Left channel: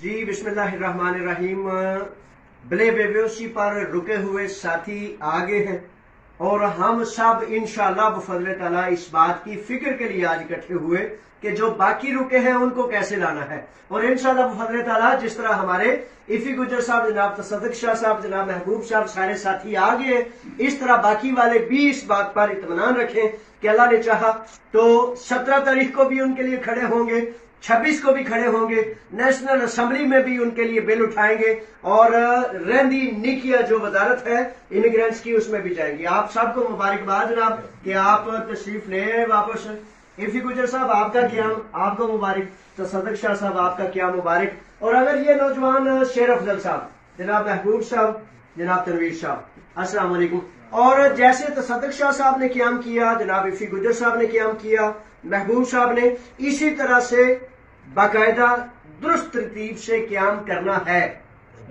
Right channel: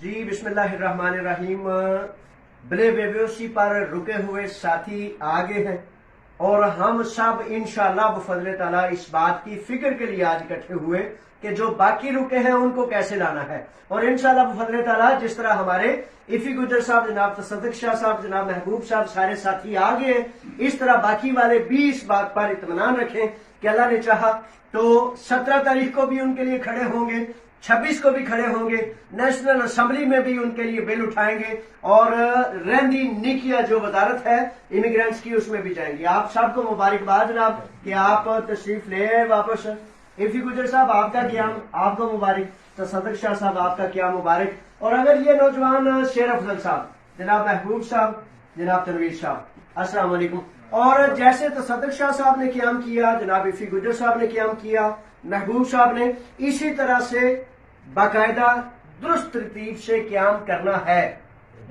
जी बिस्मिल्लाहिर्रहमानिर्रहीम। ब्ले बेबेसी पर रुके हुए साथी आगे हैं और हम सब इंशाअल्लाह बफज़ल ताला इस बात की फिक्र के लिए आज इकट्ठे हुए कि जो बाकी रुके हैं उनको कैसे लाना है। और इंशाअल्लाह बफज़ल ताला जिस तरह हमारे इफी गुजर साहब, जनाब तसद्दुक़ शाह साहब, जनाब महबूब साहब सारे साथी आगे हैं, इस तरह बाकी वाले भी इस बात पर इत्मीनान रखें कि अल्लाह ने चाहा तो 17 तारीख को भी उनके लिए खड़े होंगे, 26 को भी खड़े होंगे, नेशनल असेंबली में भी उनके लिए बिल उठाएंगे और रेंदी निकिया जो वजारत है इमिग्रेंट्स की उसमें भी जाएंगे। आप सबको मुबारकबाद जनाब कि आप तशरीफ ले वापस। इफी गुजर साहब आपका क्या आपको मुबारक, तसद्दुक़ शाह साहब आपका क्या मुबारक। और अगर ये नौजवान शेर अफजल साहब, जनाब महबूब साहब, जनाब तनवीर साहब, अस्सलाम वालेकुम। और जैसे तसद्दुक़ शाह साहब ने क्याम किया, जनाब इफी गुजर साहब ने क्याम किया, महबूब साहब ने, इसी तरह से बाकायदा दुरुस्त तरतीब से क्याम करना है,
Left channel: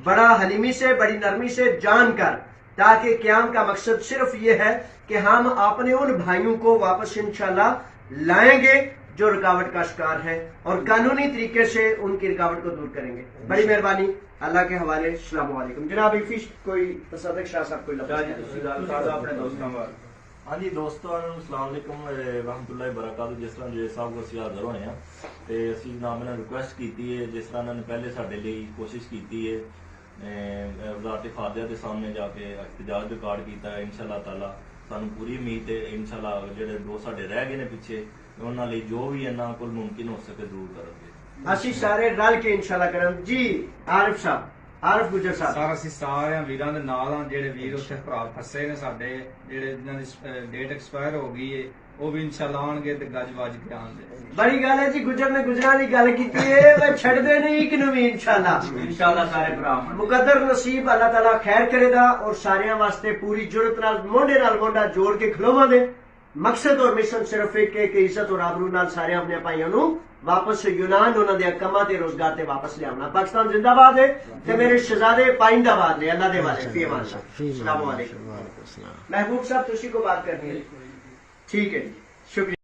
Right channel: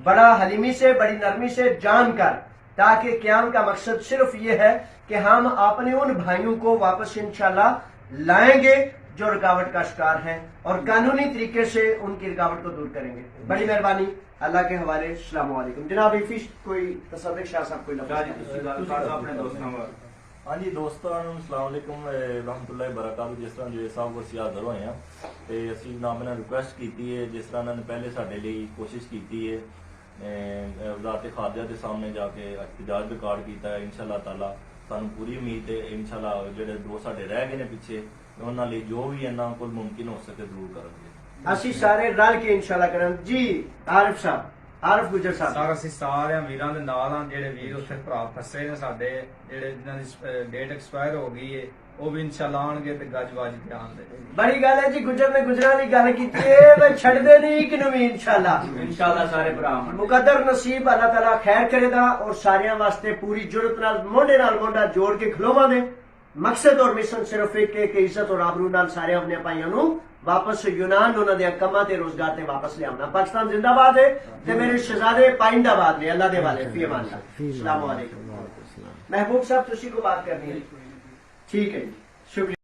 बड़ा हलीमी से, बड़ी नरमी से जानकर, ताकि क्याम का मकसद सिर्फ ये है कि हम अपने उन भाइयों को वापस इंशाल्लाह लाएंगे जो रुकावट का शिकार हैं और कानूनी तरीके से उनकी रुकावट को दूर करेंगे। बड़ी मेहरबानी, अल्लाह के हवाले। अस्सलाम वालेकुम। जनाब इफी कोई तसद्दुक़ शाह साहब कोई हाँ जी दोस्तों, अस्सलाम वालेकुम रहमतुल्लाहि बरकातहू। जिस तरह जे साहब को ਅਸੀਂ ਹਾਜ਼ਰ ਹੋਏ ਆ ਤੇ ਅਸੀਂ ਨਾਮ ਨਾਲ ਰਿਕੁਐਸਟ ਕੀਤੀ ਹੈ, ਜਿਸ ਤਰ੍ਹਾਂ ਇਹਨਾਂ ਨੇ ਪਹਿਲੇ ਸਾਡੇ ਲਈ ਕੋਸ਼ਿਸ਼ ਕੀਤੀ ਹੈ ਵਜ਼ਾਰਤ ਖਾਰਜਾ ਦੇ ਸਾਹਮਣੇ ਜਾ ਕੇ ਇhtਜਾਜ ਰਿਕਾਰਡ ਕੀਤਾ ਹੈ। ਇਨਸ਼ਾਅੱਲਾ ਤਾਲਾ ਸਾਨੂੰ ਪੂਰੀ ਉਮੀਦ ਹੈ ਇਨਸ਼ਾਅੱਲਾ ਜਿਹੜੇ ਦੋ ਸਾਡੇ ਰਹਿ ਗਏ ਨੇ ਪਿੱਛੇ ਉਹਨਾਂ ਲਈ ਜੋ ਵੀ ਇਹਨਾਂ ਕੋਲ ਮੁਮਕਿਨ ਹੋ ਸਕੇ ਜ਼ਰੂਰ ਕਰਾਂਗੇ। ਅਸੀਂ ਸਾਰੇ ਰਲ ਕੇ ਇਨਸ਼ਾਅੱਲਾ ਕਰਾਂਗੇ। ਜੀ ਆਰਿਫ ਸਾਹਿਬ, ਆਰਿਫ ਗੁਜਰ ਸਾਹਿਬ। ਸਰ ਅਸੀਂ ਸਾਰਿਆਂ ਵੀਰਾਂ ਦੇ ਨਾਲ ਆ, ਜਿਹੜੇ ਵੀਰ ਉੱਥੇ ਭਰਾ ਫਸੇ ਨੇ ਸਾਡੇ, ਜਿਹੜੇ ਜਿਨ੍ਹਾਂ ਦੀ ਡੇਟ ਐਕਸਪਾਇਰ ਹੋ ਗਈ ਹੈ, ਉਹ ਵੀ ਇਨਸ਼ਾਅੱਲਾ ਆਣਗੇ ਤੇ ਗੱਜ-ਵੱਜ ਕੇ ਆਣਗੇ। बड़ी गल है जी, गुजर ने गुजरा की गल की है, छड़दे नहीं एक भी इंशाअल्लाह सारे भरा मुकद्दर नसीब अल्लाह ताला खैर करेगा और सारियां वास्ते पूरी जुरत नाल मोढे नाल मोढा जोड़ के खलोवांगे। मकसद और मिशन सिर्फ एक है कि इज्जत और आबरू नाल सारे अपने भाइयों नूं वापस यूनान उन्हां दे कमां ते रोजगार ते वापस लियावना। पाकिस्तान जिंदाबाद है ते मेरे शहजादे पाइंदाबाद ने। अल्लाह दे वाले फी अमान अल्लाह। अस्सलाम वालेकुम। महबूब साहब तुसी को बात करनी है? ठीक है, शुक्रिया।